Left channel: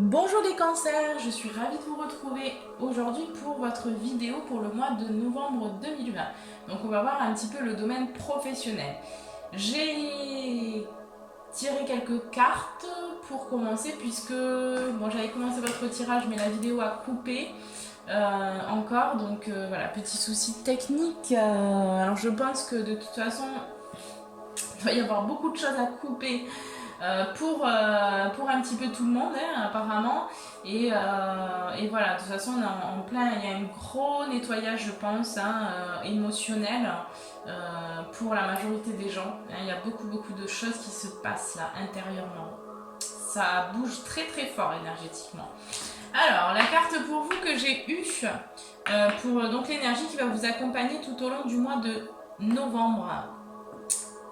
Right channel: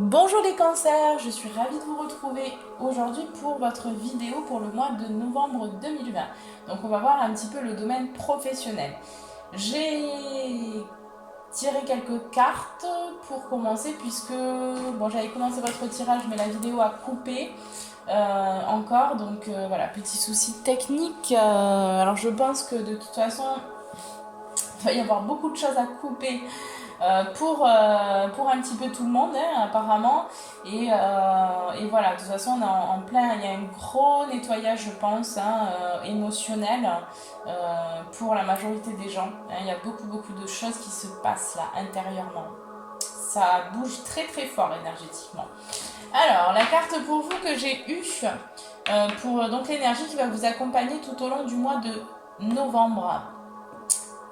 Bonjour les cancers, je suis ravie de vous retrouver aujourd'hui pour votre vidéo pour le mois de novembre 2020. Donc on va voir un petit peu le domaine professionnel. J'ai tiré quelques cartes pour commencer puisque bon, j'avais commencé votre tirage mais la vidéo a coupé encore. Donc voilà, petit souci technique. Alors je pense que de toute façon il va y avoir beaucoup de choses à couper pour un petit peu tout le monde, hein, apparemment. Et voilà, de toute façon, on est en plein, il y a un gros nettoyage, je pense, hein, émotionnel pour la majorité des gens. Hein. Il y a beaucoup de choses qui se passent là, intérieurement. Ça bouge très fort énergétiquement. Alors, la carte pour vous que j'ai eue, pour donc l'énergie qui va vous accompagner tout au long du mois de novembre,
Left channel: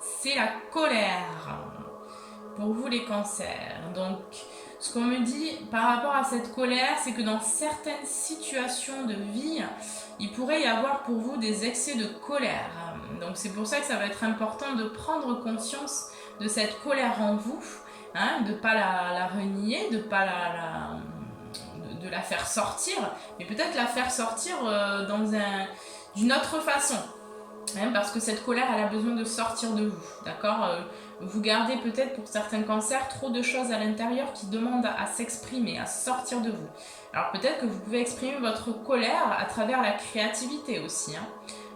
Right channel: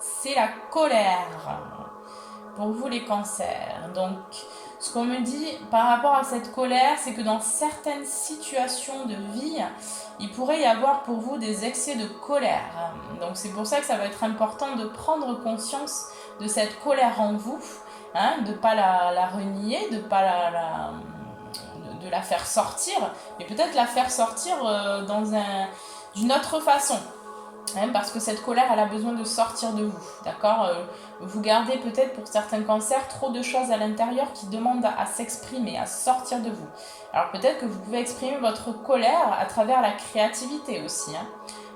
c'est la colère. Pour vous les cancers. Donc, ce qu'on me dit par rapport à cette colère, c'est que dans certaines situations de vie, il pourrait y avoir pour vous des excès de colère. Donc, c'est pour ça que ça va être important de prendre conscience de cette colère en vous, hein, de ne pas la renier, de ne pas de la faire sortir, mais peut-être la faire sortir d'une autre façon. Hein, parce que cette colère, elle a besoin de sortir de vous, d'accord. Vous gardez peut-être pour certains cancers trop de choses à l'intérieur qui demandent à s'exprimer, à sortir de vous. Alors peut-être que vous pouvez exprimer votre colère à travers la créativité aussi. Hein.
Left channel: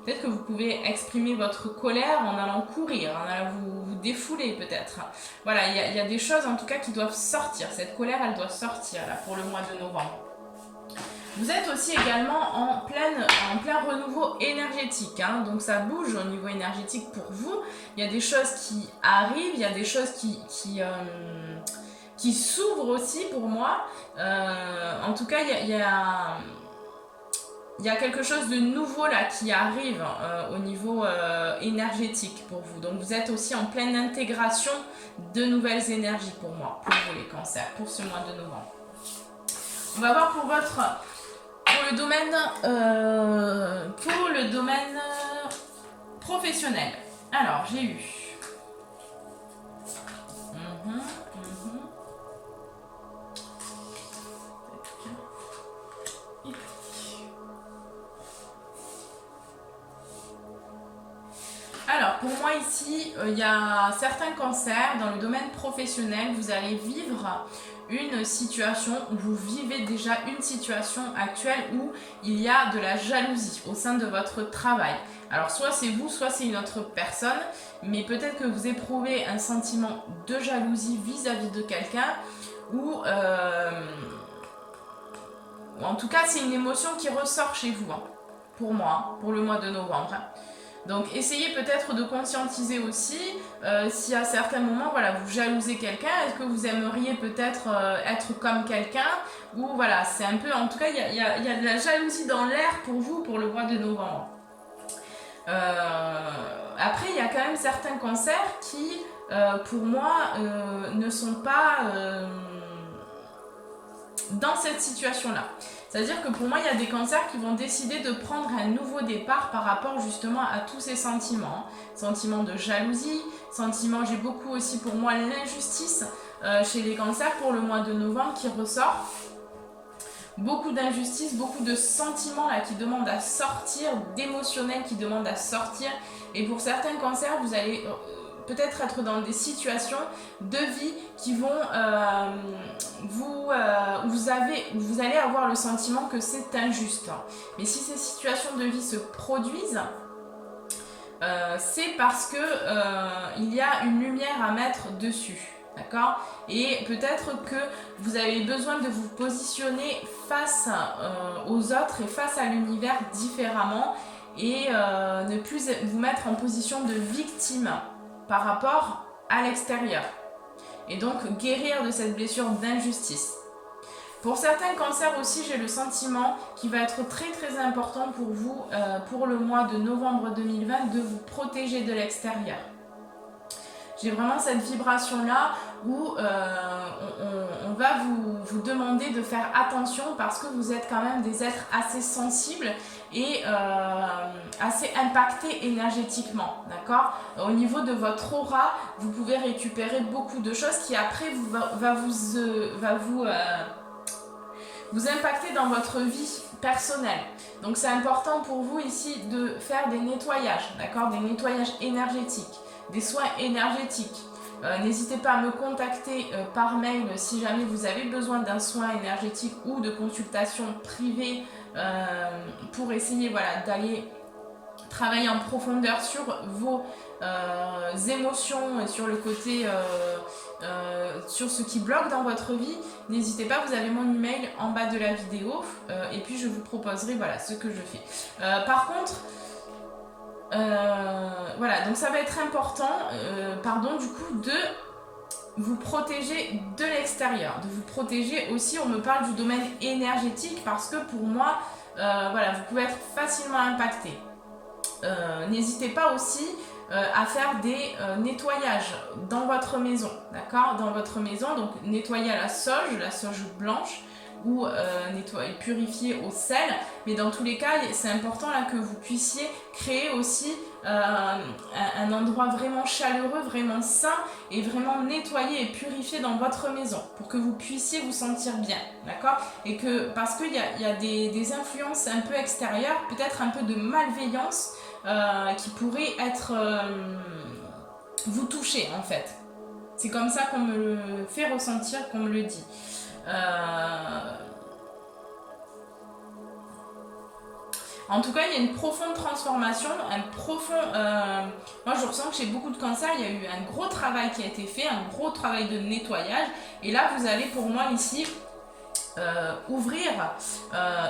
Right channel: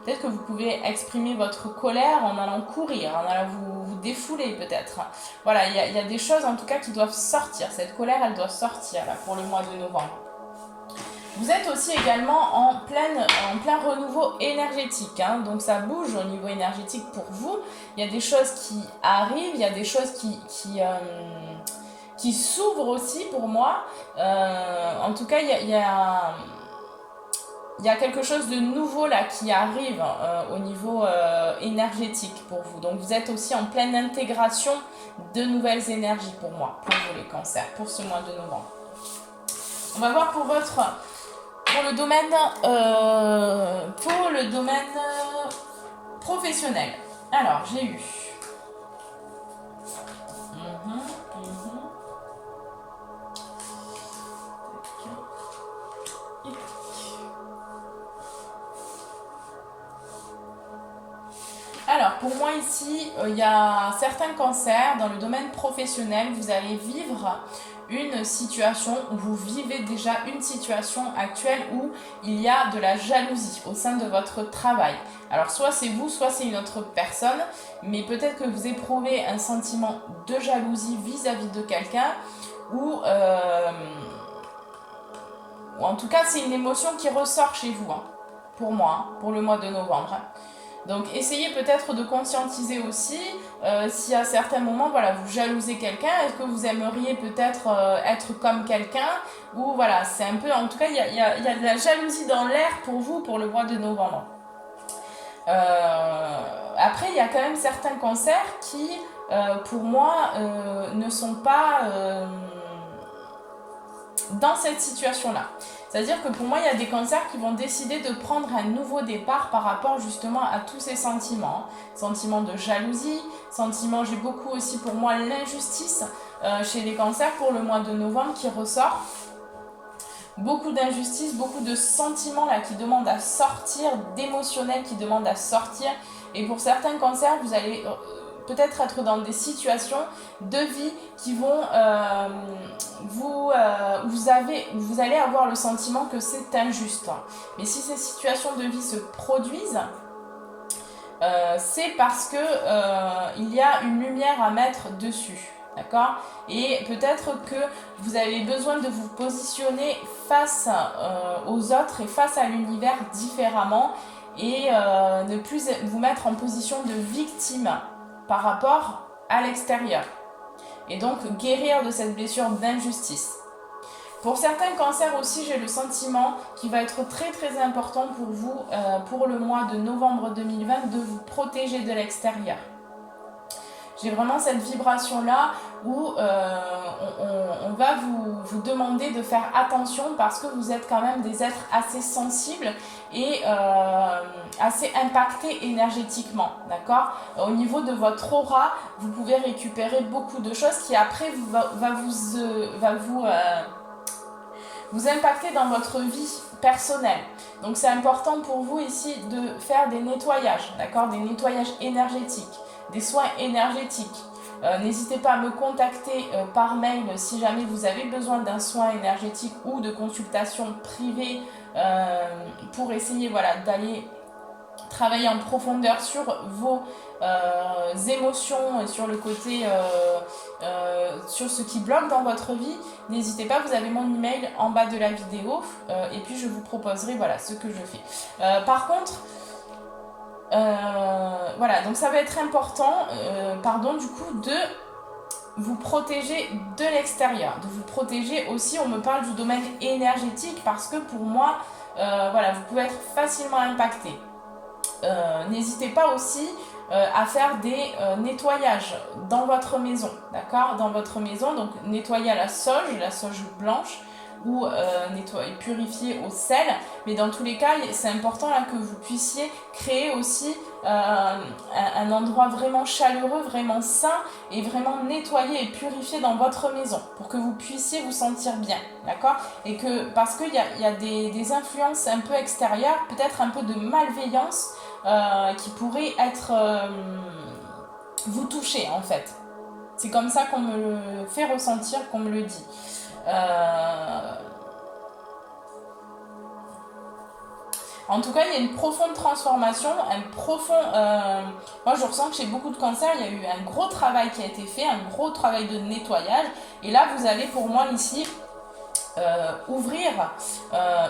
Peut-être que vous pouvez exprimer votre colère en allant courir, en allant vous défouler peut-être. Voilà, il y a des choses en tout cas qui doivent sortir. Cette colère, elle doit sortir là pour le mois de novembre. Vous êtes aussi également en plein renouveau énergétique, hein, donc ça bouge au niveau énergétique pour vous. Il y a des choses qui arrivent, il y a des choses qui s'ouvrent aussi pour moi. En tout cas, il y a quelque chose de nouveau là qui arrive au niveau énergétique pour vous. Donc vous êtes aussi en pleine intégration de nouvelles énergies pour moi, pour vous les cancers, pour ce mois de novembre. On va voir pour le domaine professionnel. Alors, j'ai eu. Alors, pour moi ici, il y a certains cancers dans le domaine professionnel. Vous allez vivre une situation où vous vivez déjà une situation actuelle où il y a de la jalousie au sein de votre travail. Alors soit c'est vous, soit c'est une autre personne, mais peut-être que vous éprouvez un sentiment de jalousie vis-à-vis de quelqu'un ou en tout cas c'est une émotion qui ressort chez vous, hein, pour moi, hein, pour le mois de novembre. Donc essayez peut-être de conscientiser aussi si à certains moments voilà, vous jalousez quelqu'un, est-ce que vous aimeriez peut-être être comme quelqu'un, ou voilà, c'est un peu, en tout cas il y a de la jalousie dans l'air pour vous pour le mois de novembre. Après il y a quand même certains cancers qui pour moi ne sont pas dans cette situation-là. C'est-à-dire que pour moi, il y a des cancers qui vont décider de prendre un nouveau départ par rapport justement à tous ces sentiments. Sentiments de jalousie, sentiments, j'ai beaucoup aussi pour moi l'injustice chez les cancers pour le mois de novembre qui ressort. Beaucoup d'injustice, beaucoup de sentiments là qui demandent à sortir, d'émotionnels qui demandent à sortir. Et pour certains cancers, vous allez peut-être être dans des situations de vie qui vont vous allez avoir le sentiment que c'est injuste. Mais si ces situations de vie se produisent, c'est parce que il y a une lumière à mettre dessus. D'accord ? Et peut-être que vous avez besoin de vous positionner face aux autres et face à l'univers différemment et ne plus vous mettre en position de victime par rapport à l'extérieur. Et donc guérir de cette blessure d'injustice. Pour certains cancers aussi, j'ai le sentiment qu'il va être très important pour vous, pour le mois de novembre 2020, de vous protéger de l'extérieur. J'ai vraiment cette vibration-là où on va vous demander de faire attention parce que vous êtes quand même des êtres assez sensibles et assez impactés énergétiquement, d'accord ? Au niveau de votre aura, vous pouvez récupérer beaucoup de choses qui après va vous vous impacter dans votre vie personnelle. Donc c'est important pour vous ici de faire des nettoyages, d'accord, des nettoyages énergétiques, des soins énergétiques. N'hésitez pas à me contacter par mail si jamais vous avez besoin d'un soin énergétique ou de consultation privée pour essayer voilà, d'aller travailler en profondeur sur vos émotions et sur le côté sur ce qui bloque dans votre vie. N'hésitez pas, vous avez mon email en bas de la vidéo et puis je vous proposerai voilà, ce que je fais. Par contre, voilà, donc ça va être important du coup de vous protéger de l'extérieur, de vous protéger aussi, on me parle du domaine énergétique parce que pour moi, voilà, vous pouvez être facilement impacté. N'hésitez pas aussi à faire des nettoyages dans votre maison, d'accord, dans votre maison, donc nettoyer à la sauge blanche ou purifier au sel, mais dans tous les cas c'est important là, que vous puissiez créer aussi un endroit vraiment chaleureux, vraiment sain et vraiment nettoyé et purifié dans votre maison pour que vous puissiez vous sentir bien, d'accord, et que parce qu'il y a des influences un peu extérieures, peut-être un peu de malveillance qui pourrait être vous toucher en fait. C'est comme ça qu'on me le fait ressentir, qu'on me le dit. En tout cas, il y a une profonde transformation, un profond... moi, je ressens que chez beaucoup de cancers, il y a eu un gros travail qui a été fait, un gros travail de nettoyage. Et là, vous allez pour moi ici ouvrir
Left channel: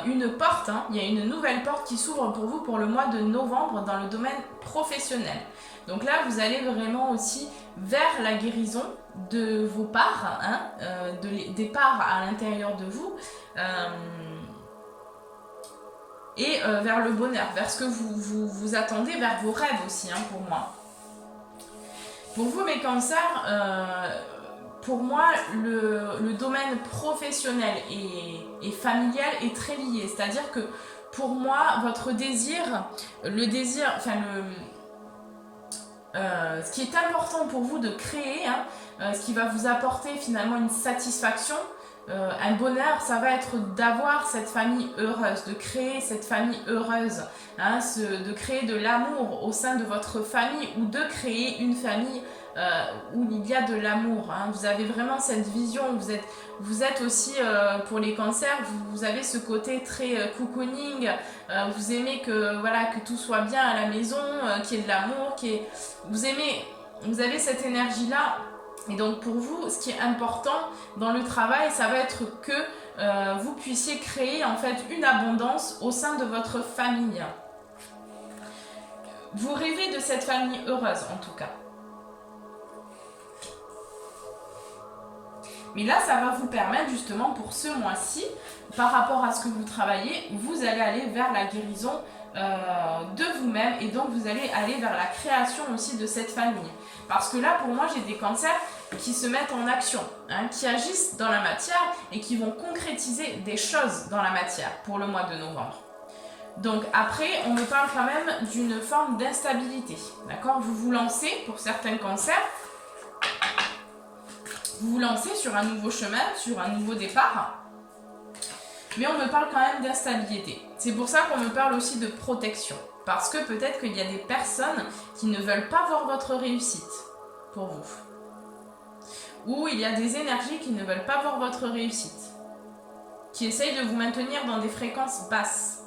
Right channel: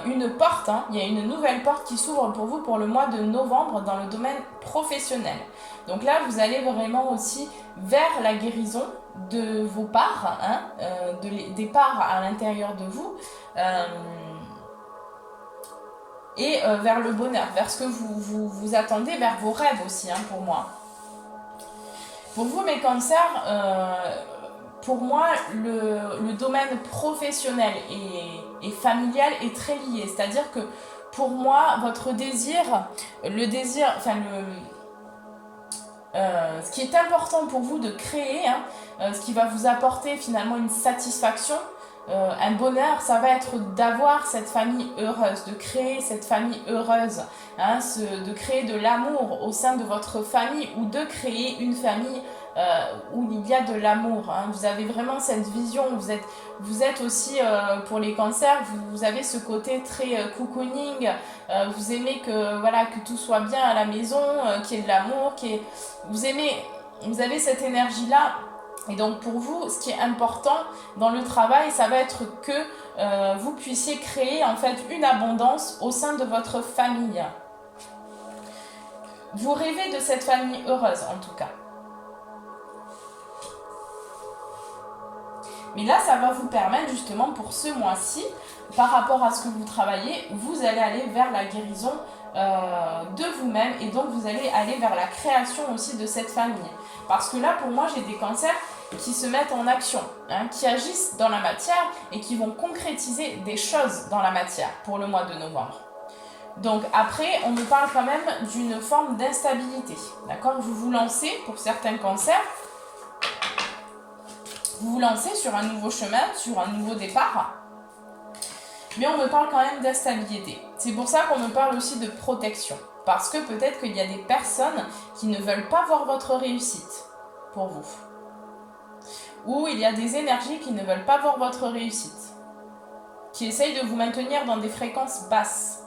une porte. Hein. Il y a une nouvelle porte qui s'ouvre pour vous pour le mois de novembre dans le domaine professionnel. Donc là, vous allez vraiment aussi vers la guérison de vos parts, hein, des parts à l'intérieur de vous. Et vers le bonheur, vers ce que vous attendez, vers vos rêves aussi, hein, pour moi. Pour vous, mes cancers, pour moi, le domaine professionnel et familial est très lié. C'est-à-dire que pour moi, votre désir, ce qui est important pour vous de créer, hein, ce qui va vous apporter finalement une satisfaction, un bonheur, ça va être d'avoir cette famille heureuse, de créer cette famille heureuse, hein, de créer de l'amour au sein de votre famille ou de créer une famille où il y a de l'amour. Hein. Vous avez vraiment cette vision, vous êtes aussi, pour les cancers, vous avez ce côté très cocooning, vous aimez que tout soit bien à la maison, qu'il y ait de l'amour, vous avez cette énergie-là. Et donc pour vous, ce qui est important dans le travail, ça va être que vous puissiez créer en fait une abondance au sein de votre famille. Vous rêvez de cette famille heureuse en tout cas. Mais là, ça va vous permettre justement pour ce mois-ci, par rapport à ce que vous travaillez, vous allez aller vers la guérison de vous-même et donc vous allez aller vers la création aussi de cette famille. Parce que là, pour moi, j'ai des cancers qui se mettent en action, hein, qui agissent dans la matière et qui vont concrétiser des choses dans la matière pour le mois de novembre. Donc après, on me parle quand même d'une forme d'instabilité. D'accord ? Vous vous lancez, pour certains cancers, vous vous lancez sur un nouveau chemin, sur un nouveau départ, mais on me parle quand même d'instabilité. C'est pour ça qu'on me parle aussi de protection. Parce que peut-être qu'il y a des personnes qui ne veulent pas voir votre réussite pour vous. Ou il y a des énergies qui ne veulent pas voir votre réussite. Qui essayent de vous maintenir dans des fréquences basses.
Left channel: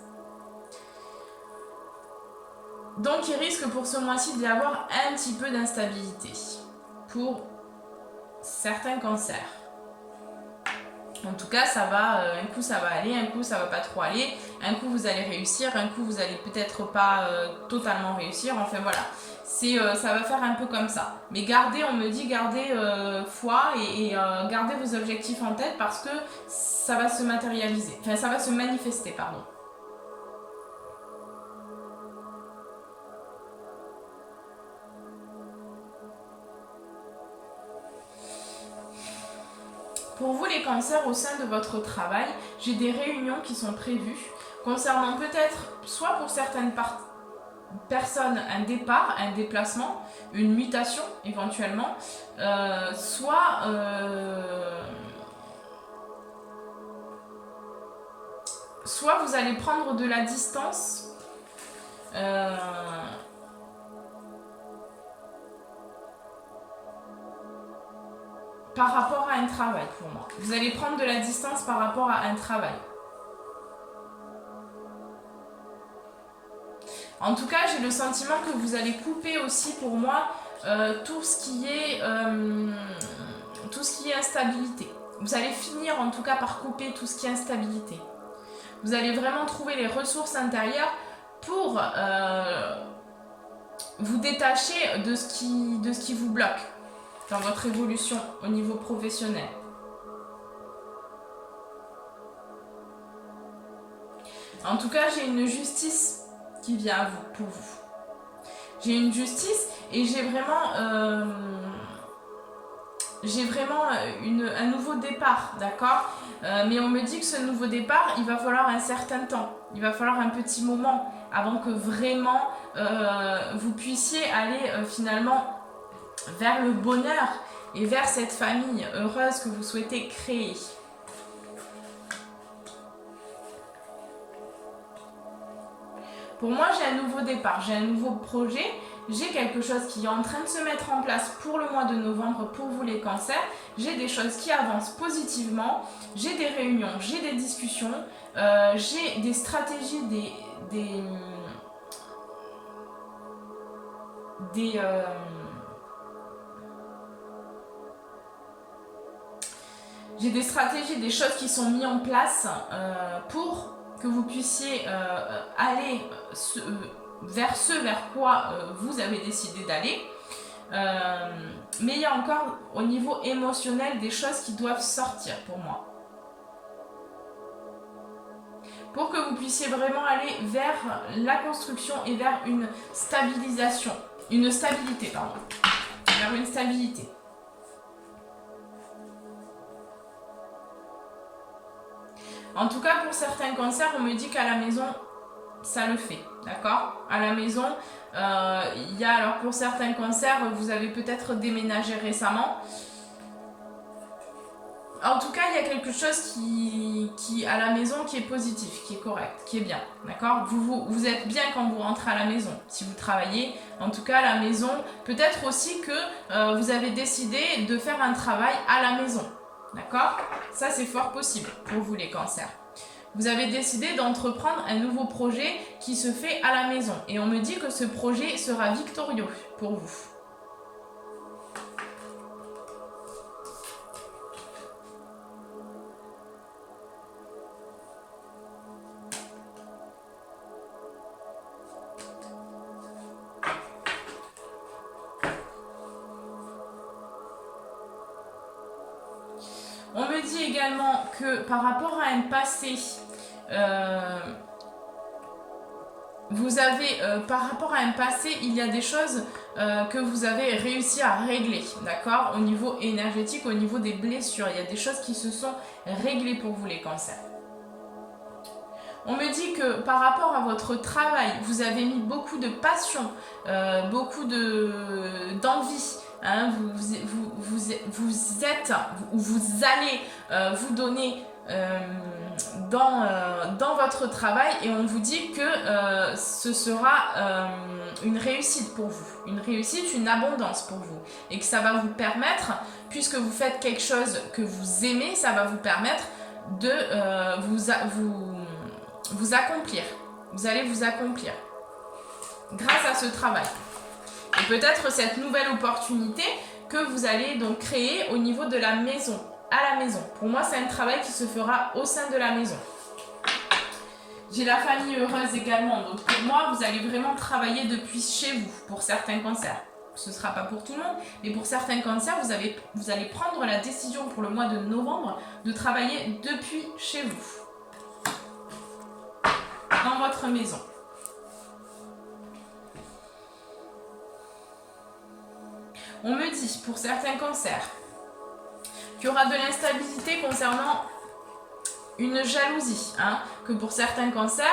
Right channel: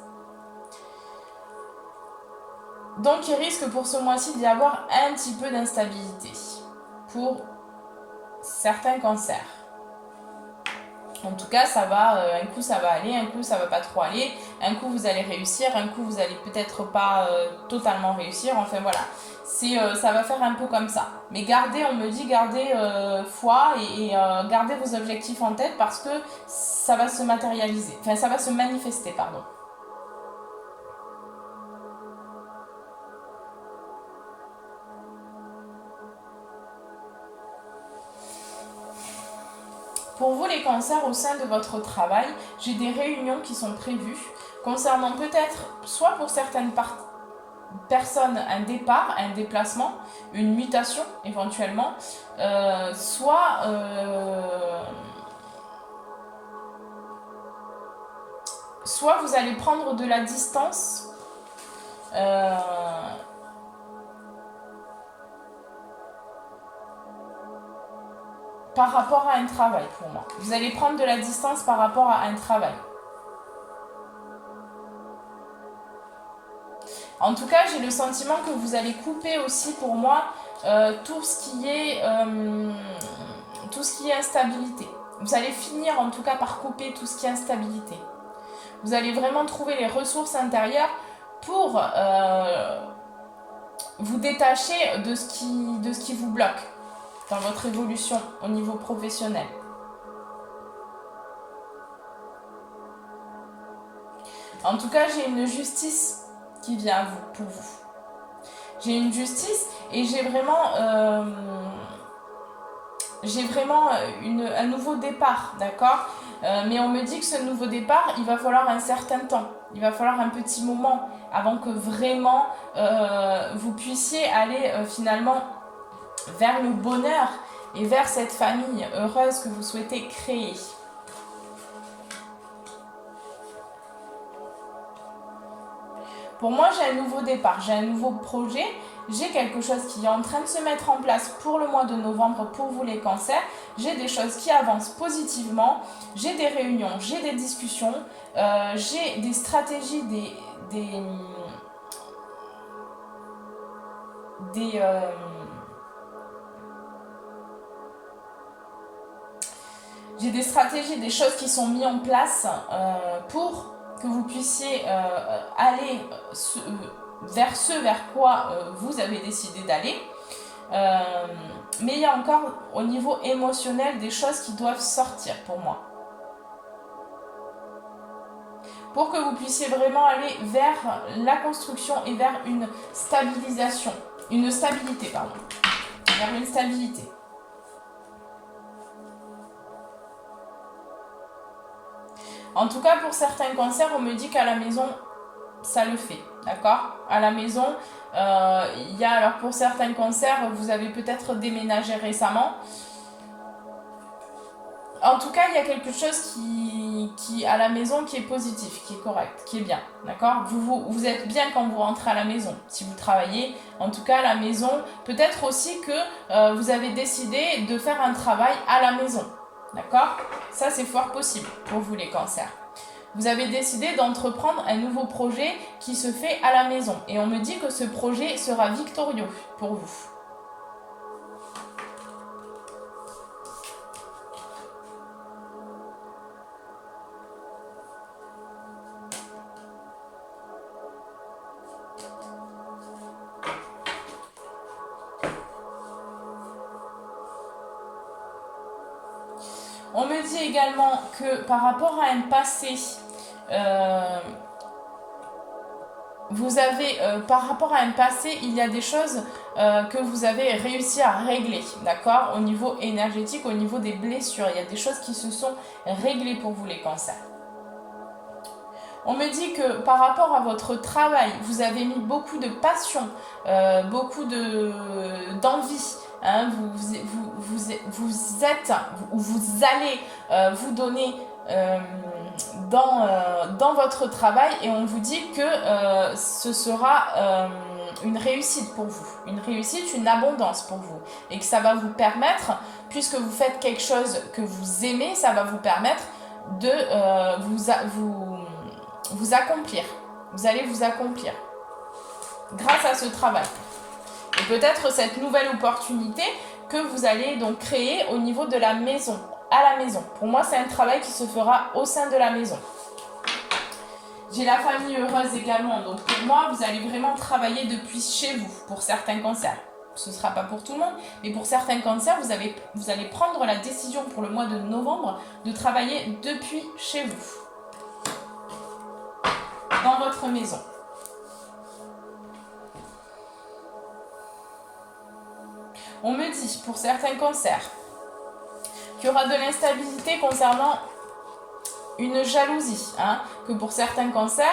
Donc il risque pour ce mois-ci d'y avoir un petit peu d'instabilité. Pour certains cancers. En tout cas, ça va, un coup ça va aller, un coup ça va pas trop aller, un coup vous allez réussir, un coup vous allez peut-être pas totalement réussir, enfin voilà. Ça va faire un peu comme ça. Mais gardez, on me dit, gardez foi et gardez vos objectifs en tête parce que ça va se matérialiser, enfin ça va se manifester, pardon. Pour vous les cancers au sein de votre travail, j'ai des réunions qui sont prévues concernant peut-être, soit pour certaines personnes, un départ, un déplacement, une mutation éventuellement, soit soit vous allez prendre de la distance par rapport à un travail pour moi. Vous allez prendre de la distance par rapport à un travail. En tout cas, j'ai le sentiment que vous allez couper aussi pour moi tout ce qui est instabilité. Vous allez finir en tout cas par couper tout ce qui est instabilité. Vous allez vraiment trouver les ressources intérieures pour vous détacher de ce qui vous bloque dans votre évolution au niveau professionnel. En tout cas, j'ai une justice qui vient à vous, pour vous. J'ai une justice et j'ai vraiment un nouveau départ, d'accord ? Mais on me dit que ce nouveau départ, il va falloir un certain temps. Il va falloir un petit moment avant que vraiment vous puissiez aller finalement vers le bonheur et vers cette famille heureuse que vous souhaitez créer. Pour moi, j'ai un nouveau départ, j'ai un nouveau projet, j'ai quelque chose qui est en train de se mettre en place pour le mois de novembre pour vous les cancers. J'ai des choses qui avancent positivement, j'ai des réunions, j'ai des discussions, j'ai des stratégies, j'ai des stratégies, des choses qui sont mises en place pour que vous puissiez aller vers quoi vous avez décidé d'aller. Mais il y a encore au niveau émotionnel des choses qui doivent sortir pour moi. Pour que vous puissiez vraiment aller vers la construction et vers une stabilisation. Une stabilité, pardon. Vers une stabilité. En tout cas, pour certains cancers, on me dit qu'à la maison, ça le fait, d'accord ? À la maison, il y a, alors pour certains cancers, vous avez peut-être déménagé récemment. En tout cas, il y a quelque chose qui à la maison qui est positif, qui est correct, qui est bien, d'accord ? Vous êtes bien quand vous rentrez à la maison, si vous travaillez. En tout cas, à la maison, peut-être aussi que vous avez décidé de faire un travail à la maison. D'accord ? Ça, c'est fort possible pour vous, les cancers. Vous avez décidé d'entreprendre un nouveau projet qui se fait à la maison. Et on me dit que ce projet sera victorieux pour vous. On me dit également que par rapport à un passé, il y a des choses que vous avez réussi à régler, d'accord ? Au niveau énergétique, au niveau des blessures, il y a des choses qui se sont réglées pour vous, les cancers. On me dit que par rapport à votre travail, vous avez mis beaucoup de passion, beaucoup d'envie. Hein, vous allez vous donner dans votre travail et on vous dit que ce sera une réussite pour vous, une réussite, une abondance pour vous et que ça va vous permettre, puisque vous faites quelque chose que vous aimez, ça va vous permettre de vous accomplir. Vous allez vous accomplir grâce à ce travail. Et peut-être cette nouvelle opportunité que vous allez donc créer au niveau de la maison, à la maison. Pour moi, c'est un travail qui se fera au sein de la maison. J'ai la famille heureuse également. Donc pour moi, vous allez vraiment travailler depuis chez vous pour certains cancers. Ce ne sera pas pour tout le monde, mais pour certains cancers, vous allez prendre la décision pour le mois de novembre de travailler depuis chez vous, dans votre maison. On me dit, pour certains cancers, qu'il y aura de l'instabilité concernant une jalousie. Hein, que pour certains cancers,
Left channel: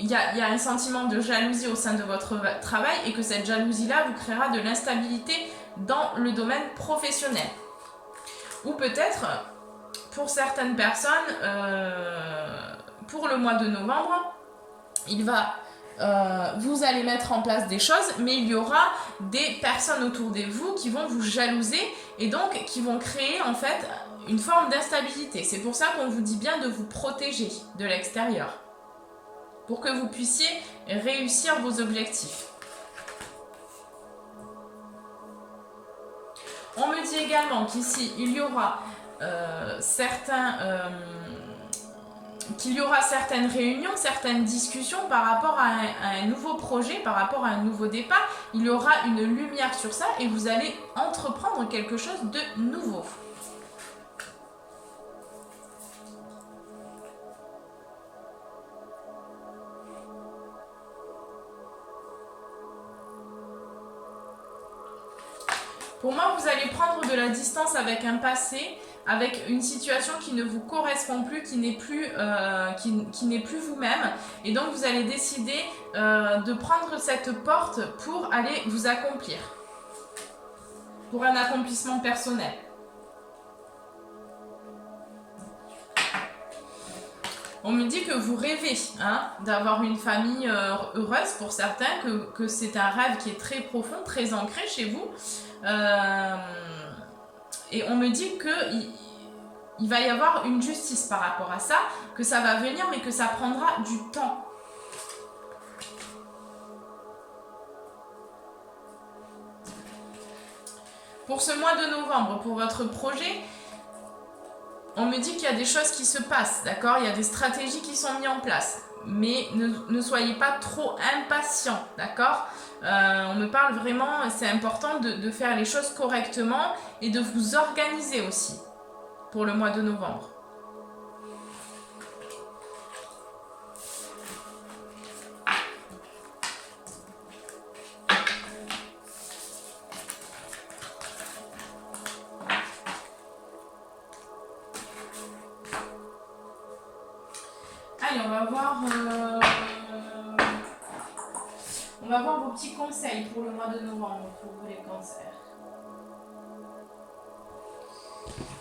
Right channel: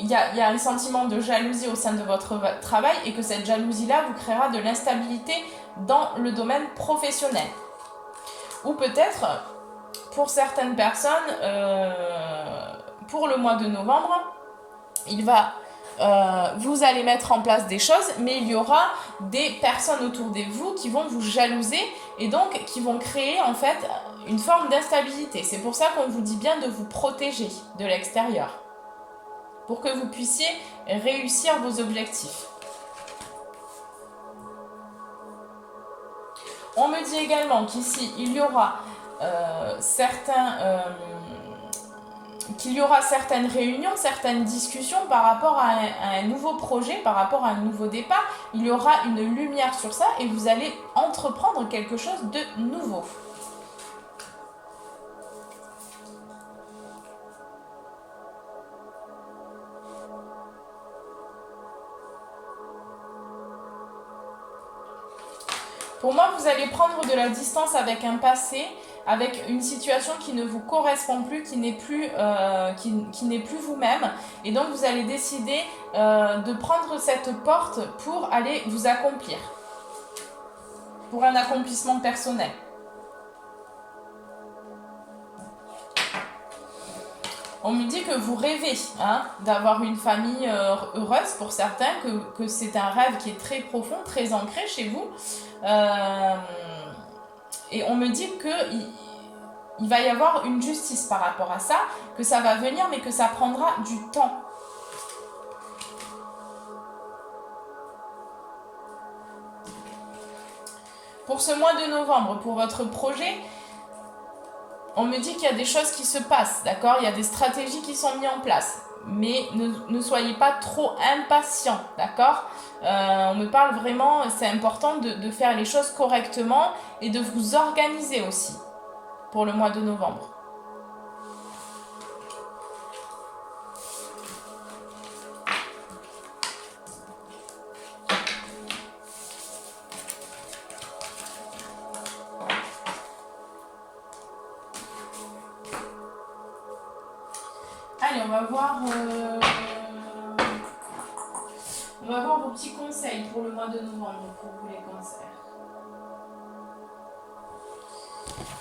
il y a un sentiment de jalousie au sein de votre travail et que cette jalousie-là vous créera de l'instabilité dans le domaine professionnel. Ou peut-être pour certaines personnes, pour le mois de novembre, vous allez mettre en place des choses, mais il y aura des personnes autour de vous qui vont vous jalouser et donc qui vont créer en fait une forme d'instabilité. C'est pour ça qu'on vous dit bien de vous protéger de l'extérieur pour que vous puissiez réussir vos objectifs. On me dit également qu'ici, il y aura certaines réunions, certaines discussions par rapport à un nouveau projet, par rapport à un nouveau départ. Il y aura une lumière sur ça et vous allez entreprendre quelque chose de nouveau. Pour moi, vous allez prendre de la distance avec un passé, avec une situation qui ne vous correspond plus, qui n'est plus vous-même. Et donc, vous allez décider de prendre cette porte pour aller vous accomplir. Pour un accomplissement personnel. On me dit que vous rêvez d'avoir une famille heureuse pour certains, que c'est un rêve qui est très profond, très ancré chez vous. Et on me dit qu'il va y avoir une justice par rapport à ça, que ça va venir mais que ça prendra du temps. Pour ce mois de novembre, pour votre projet, on me dit qu'il y a des choses qui se passent, d'accord? Il y a des stratégies qui sont mises en place. Mais ne soyez pas trop impatients, d'accord? On me parle vraiment, c'est important de faire les choses correctement et de vous organiser aussi pour le mois de novembre. Allez, on va voir vos petits conseils pour le mois de novembre, pour vous les cancers.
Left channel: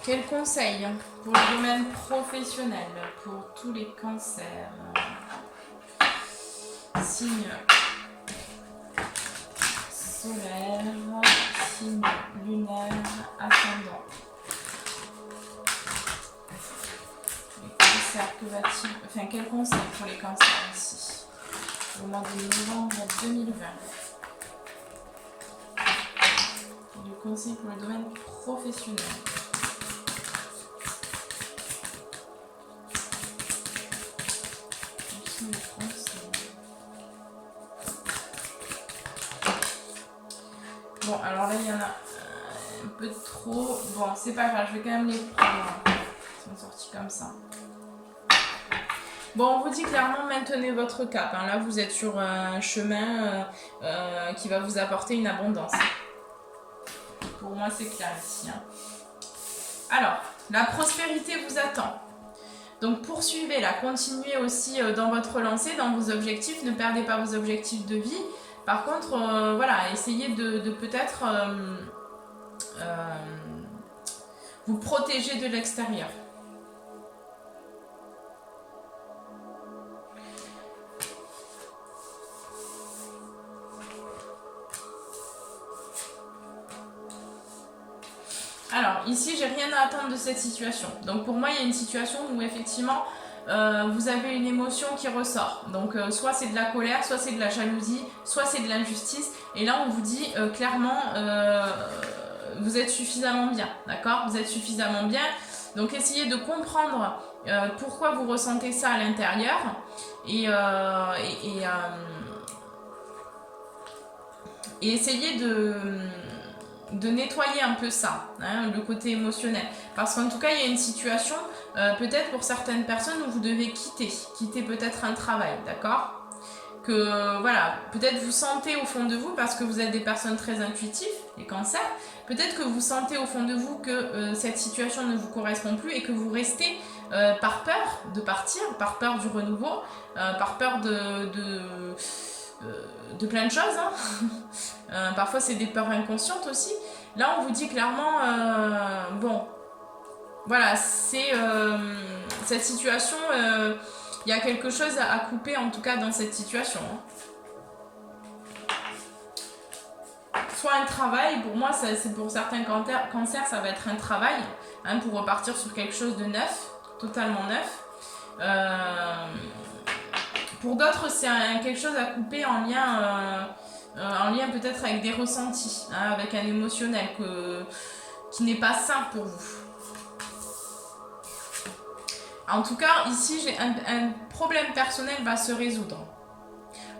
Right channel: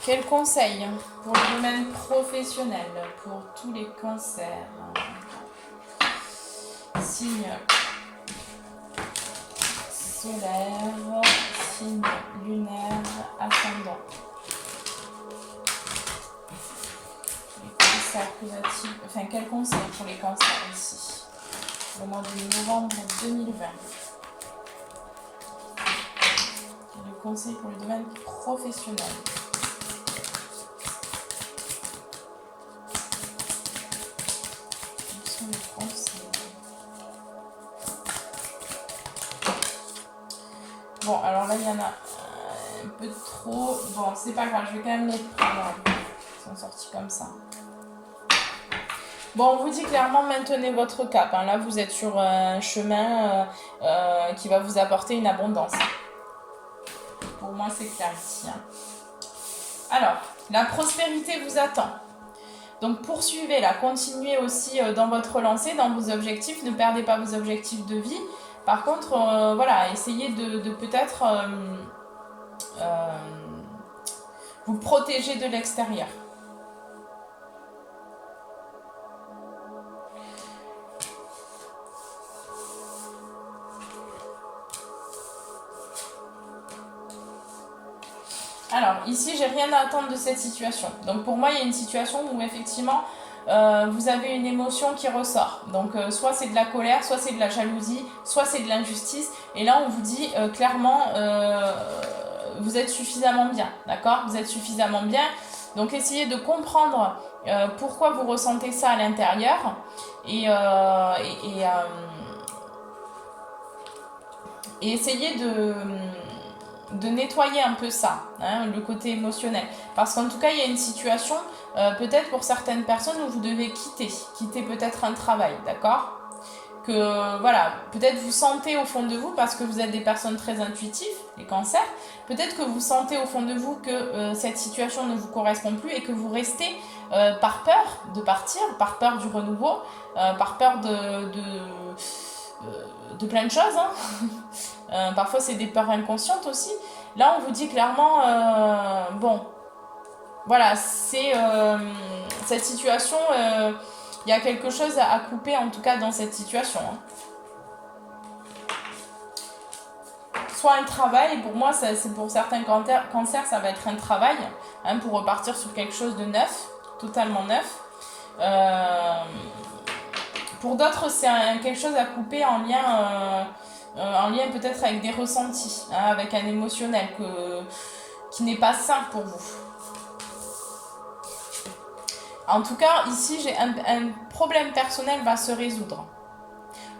Quels conseils pour le domaine professionnel, pour tous les cancers? Signe solaire, signe lunaire, ascendant. Quel conseil pour les cancers ici au mois de novembre 2020? Le conseil pour le domaine professionnel. Quels sont les conseils? Bon, alors là il y en a un peu trop. Bon, c'est pas grave, je vais quand même les prendre. Ils sont sortis comme ça. Bon, on vous dit clairement, maintenez votre cap. Là, vous êtes sur un chemin qui va vous apporter une abondance. Pour moi, c'est clair ici. Alors, la prospérité vous attend. Donc, poursuivez-la. Continuez aussi dans votre lancée, dans vos objectifs. Ne perdez pas vos objectifs de vie. Par contre, voilà, essayez de peut-être vous protéger de l'extérieur. Alors, ici, j'ai rien à attendre de cette situation. Donc, pour moi, il y a une situation où, effectivement, vous avez une émotion qui ressort. Donc, soit c'est de la colère, soit c'est de la jalousie, soit c'est de l'injustice. Et là, on vous dit clairement, vous êtes suffisamment bien, d'accord? Vous êtes suffisamment bien. Donc, essayez de comprendre pourquoi vous ressentez ça à l'intérieur. Et essayez de nettoyer un peu ça, le côté émotionnel. Parce qu'en tout cas, il y a une situation, peut-être pour certaines personnes, où vous devez quitter peut-être un travail, d'accord? Que, voilà, peut-être vous sentez au fond de vous, parce que vous êtes des personnes très intuitives, les cancers, peut-être que vous sentez au fond de vous que cette situation ne vous correspond plus et que vous restez par peur de partir, par peur du renouveau, par peur de plein de choses. Parfois, c'est des peurs inconscientes aussi. Là, on vous dit clairement, bon, voilà, c'est cette situation, il y a quelque chose à couper en tout cas dans cette situation. Hein. Soit un travail, pour moi, c'est pour certains cancers, ça va être un travail, hein, pour repartir sur quelque chose de neuf, totalement neuf. Pour d'autres, c'est quelque chose à couper en lien peut-être avec des ressentis, hein, avec un émotionnel qui n'est pas sain pour vous. En tout cas, ici, j'ai un problème personnel va se résoudre.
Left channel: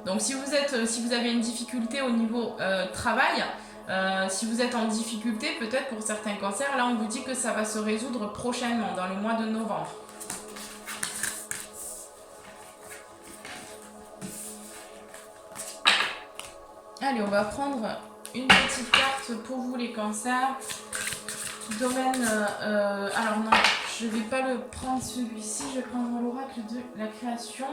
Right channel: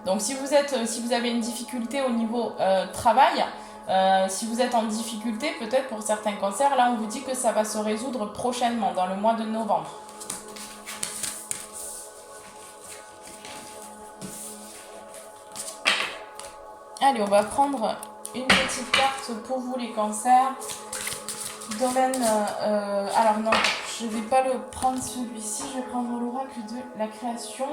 Donc si vous avez une difficulté au niveau travail, si vous êtes en difficulté, peut-être pour certains cancers, là on vous dit que ça va se résoudre prochainement, dans le mois de novembre. Allez, on va prendre une petite carte pour vous les cancers. Domaine... alors non, je ne vais pas le prendre celui-ci, je vais prendre l'oracle de la création.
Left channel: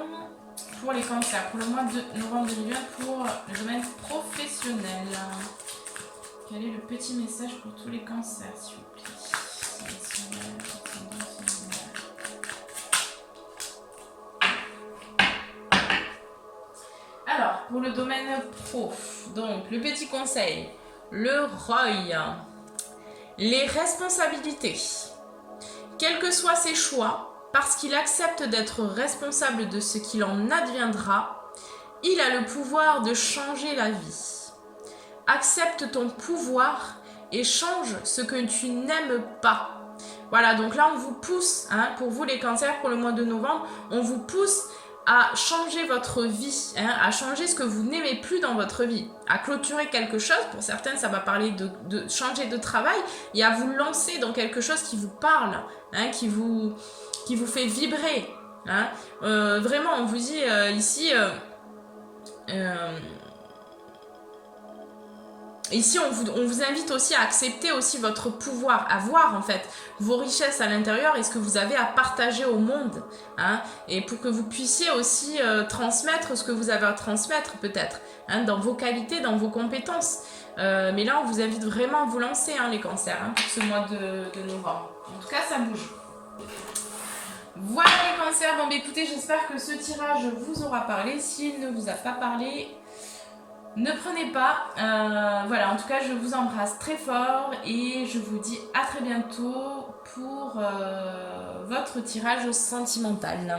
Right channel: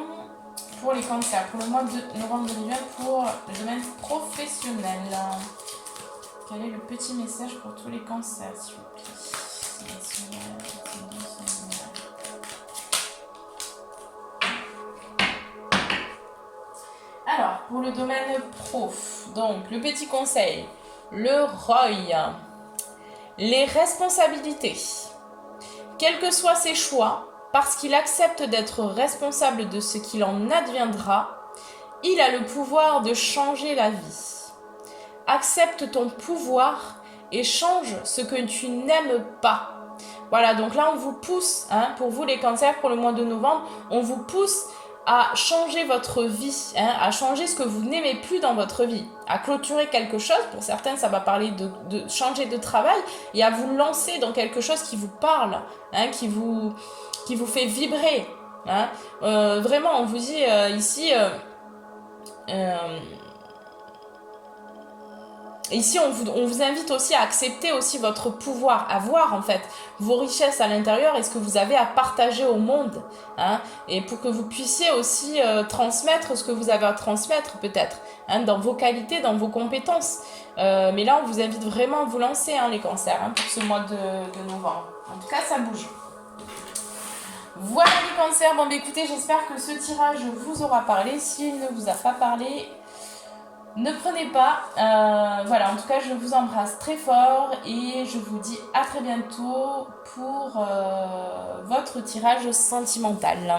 Pour les cancers, pour le mois de novembre 2020, pour le domaine professionnel. Quel est le petit message pour tous les cancers, s'il vous plaît? Alors, pour le domaine pro, donc le petit conseil, le ROI, les responsabilités. Quels que soient ses choix, parce qu'il accepte d'être responsable de ce qu'il en adviendra, il a le pouvoir de changer la vie. Accepte ton pouvoir et change ce que tu n'aimes pas. Voilà, donc là on vous pousse, hein, pour vous les cancers, pour le mois de novembre, on vous pousse à changer votre vie, hein, à changer ce que vous n'aimez plus dans votre vie, à clôturer quelque chose. Pour certains, ça va parler de changer de travail et à vous lancer dans quelque chose qui vous parle, hein, qui vous fait vibrer. Hein. Vraiment, on vous dit ici... Ici, on vous invite aussi à accepter aussi votre pouvoir, à voir en fait vos richesses à l'intérieur et ce que vous avez à partager au monde. Hein, et pour que vous puissiez aussi transmettre ce que vous avez à transmettre peut-être, hein, dans vos qualités, dans vos compétences. Mais là, on vous invite vraiment à vous lancer, hein, les cancers, hein, pour ce mois de novembre. En tout cas, ça bouge. Voilà les cancers. Bon, bah, écoutez, j'espère que ce tirage vous aura parlé. S'il ne vous a pas parlé... ne prenez pas, voilà, en tout cas je vous embrasse très fort et je vous dis à très bientôt pour votre tirage sentimental.